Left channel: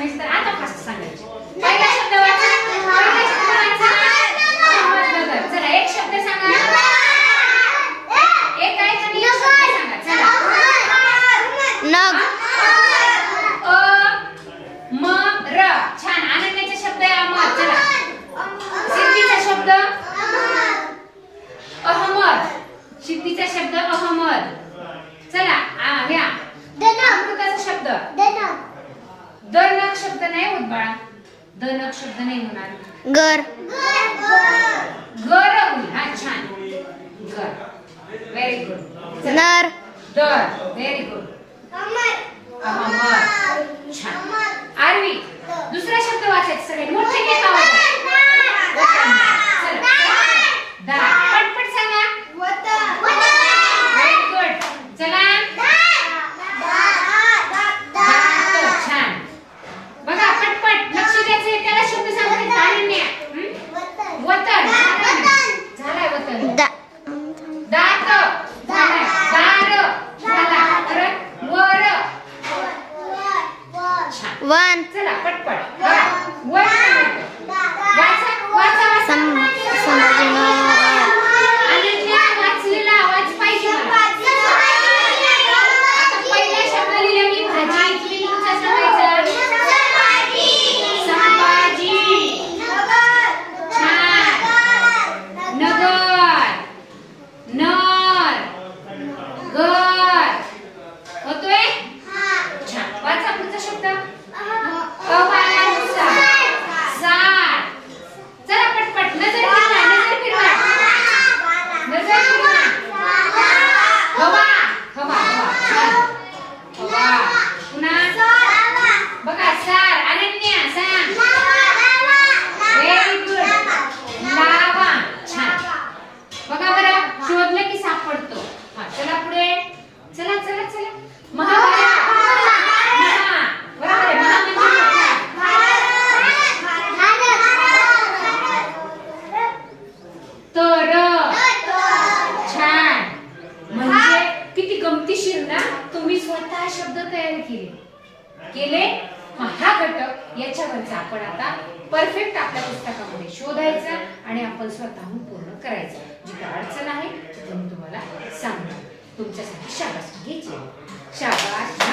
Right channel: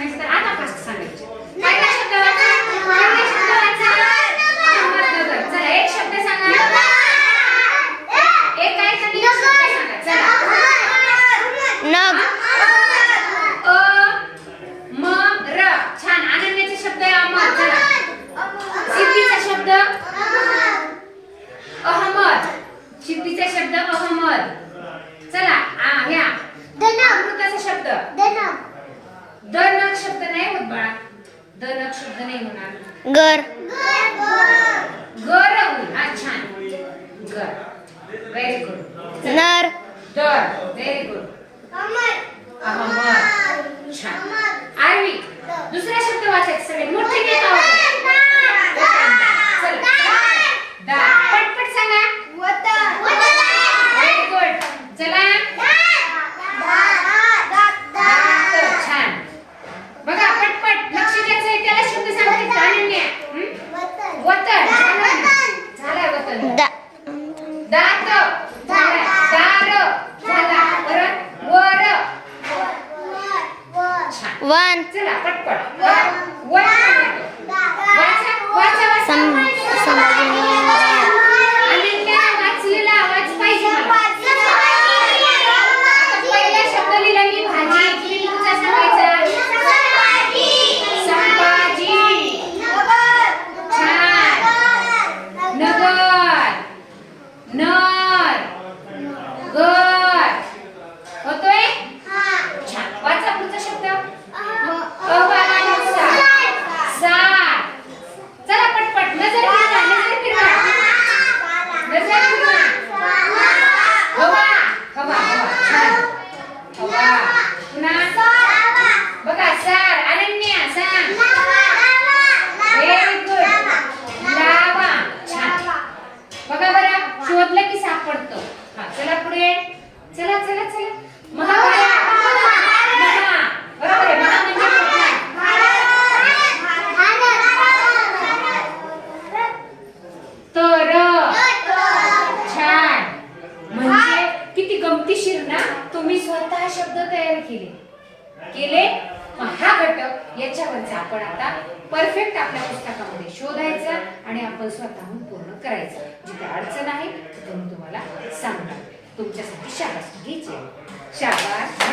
सांगायचं तर आता फास्ट सांगायचे. पहिला शब्द वाचा. पहिला शब्द वाचा. अहमदनगर. चला एक शब्द सांगा. एक काहीतरी एक शब्द सांगा. चला. नग. म र. छान. अनन्याचा शब्द आहे अमर. चला. सिद्धीचा शब्द अहमद. सिद्धीचा शब्द अहमद. चला घ्या. अमृताचा शब्द दनक शब्द नाही होत बाळा. दनक शब्द नाही होणार. घर. घर होईल. हा छान. घर. Very good. नर. दर. Very good. अहमद. छान. आरवी. दुसरा शब्द वाचायचा सगळे मोठे घेत आहोत. चला. दार. पटपट सांगा. Very good. चला. छान. बघा पटपट लक्ष द्यायचं. त्याला शब्द सांगते. अनन्या. वतन. झालाय वतन. दात. झालाय. दार. झाला. परत वर. छान. वन. चला पटपट. वर. वाचा वाचा वाचा. संभाजीनगर. अनन्या वाचलेला आवाज पाहिजे मला. आता पहिला शब्द लिहिला मी भाजी. तुम्ही पुढचा सांगायचा. संभाजी. छान. नगर. नर. घर. होतोय. छान. वाचा पुढचा शब्द. सार. चला पटपट. नजर फिरवा. नजर फिरवा. नजर फिरवा. हवा. हवा. हवा. छान. हवा. पुन्हा बघा. सार. अनन्या सांग. Very good. लावा. छान. बघा बरं. शोधलं की सापडतो. हा चला पुढे. चला चला चला. महा. महा. बरोबर आहे. महा म्हणजे तर. छान. म्हणजे किती गमतीशीर ना. तुम्ही स्वतः शब्द तयार केले. हा घटक याच्यावरचा आपण आता परफेक्ट आपल्या पुस्तकामध्ये शोधायचा आणि आपण स्वतःहून पूर्ण करायचं. जिथे अडचण आहे तिथे मी तुम्हाला सांगणार. तुमच्यासाठी शाबासकी घ्यायची. शाबास.